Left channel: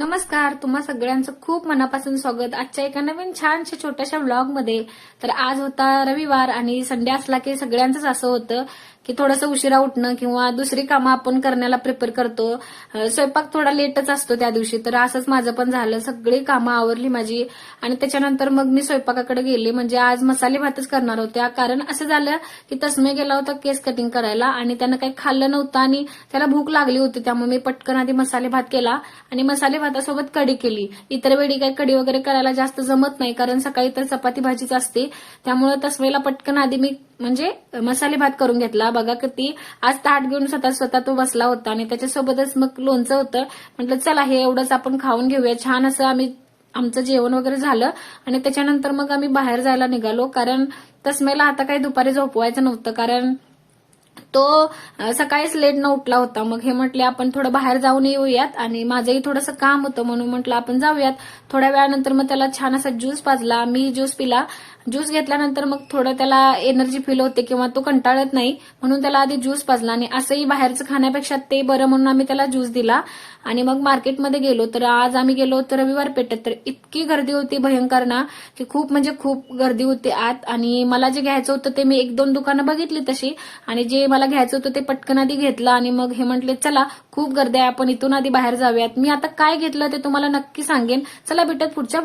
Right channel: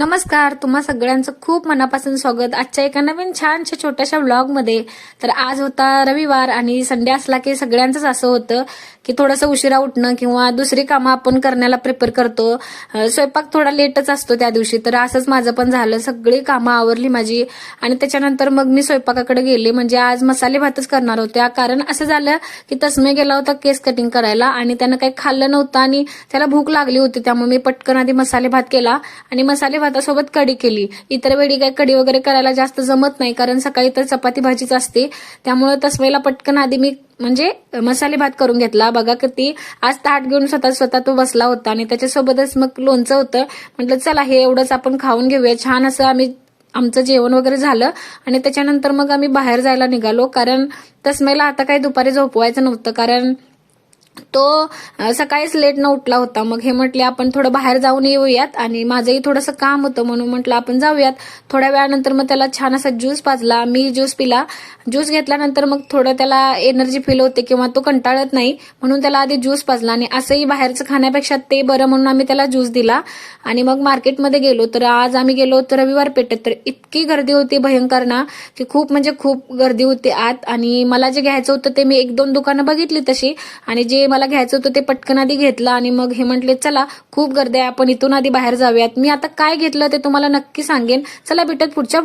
नमस्कार, तुम्हा सगळ्यांचं खूप मनापासून स्वागत आजच्या एका नवीन छानशा छोट्याशा व्लॉगमध्ये. तर आज होता रविवार आणि संडे असला की सगळ्यांचंच असं होतं की थोडंसं उशिरा उठणं किंवा दुसरी कामं आपण करण्याला प्रिपेअर करतो. स्वयंपाक थोडा लेटच असतो त्या दिवशी. तर असंच माझं पण झालं, सगळी कामं आवरली माझी आणि त्याच्यानंतर मग मी स्वयंपाकाकडे गेले. म्हणजे आज मसाले भातच करणार होत्या, कारण असं झालं की तस्मे गेला होता केस कटिंग करायला आणि त्यानं काही खाल्लं नव्हतं आणि त्याला भूक लागली होती. त्यामुळे मी पटकन आधी मसाले भात केला आणि मसाले भातासोबत कढी केली. इतर वेळी काही कढी वगैरे करायला जास्त जमत नाही, कारण सकाळी तर चपाती भाजीच असते. त्यामुळे तस्मेला पटकन आधी मी म्हणजे मसाले भात करून घेतला. बघा किती आज ताट घेऊन स्वतः तो बसला होता आणि त्याच्यासोबतच मग लोणचं होतं. म्हटलं चला हे एवढंच आपण खाऊन घेऊया. छान असं आमचं जेवण वगैरे झालं आणि त्याच्यानंतर मग आम्ही बाहेर जायला निघालो, कारण तस्मेला आता काही दुपारी झोपवायचं नव्हतं, कारण तो सकाळीच लेट न उठला होता. मग हे म्हटले आपण थोडं बाहेर जाऊन येऊयात आणि माझंही थोडंसं काम होतं म्हणून म्हटलं आपण जाऊयात. थोड्या वेळानंतर मग त्याला छान असा ज्यूस पाजला, मी ज्यूस पिला. ज्यूस घेतल्यानंतर मग थोडं त्याला एनर्जी फील होते किंवा तो कंटाळत नाही म्हणून त्याला आधी ज्यूस पाजला आणि असंही बाहेरचं खाण्यापेक्षा ते बरं म्हणून आम्ही त्याला ज्यूस दिला आणि मग मार्केटमध्ये गेलो. तर आज आम्ही गेलो होतो रविवार पेठेत. तर इतकी गर्दी होती भयंकर ना, की खूप म्हणजे खूप गर्दी होती आत. आणि मला जे घ्यायचं होतं ते मी 1-2 दुकानं बघितली तशी, आणि जे मला घ्यायचं होतं ते पटकन आधी घेतलं आणि मग हे म्हटले चला खूप गर्दी आहे, आपण इथून आधी बाहेर जाऊयात. मी आता काय घेतलं ते तुम्हाला नक्की सांगेन. चला भेटत पुढच्या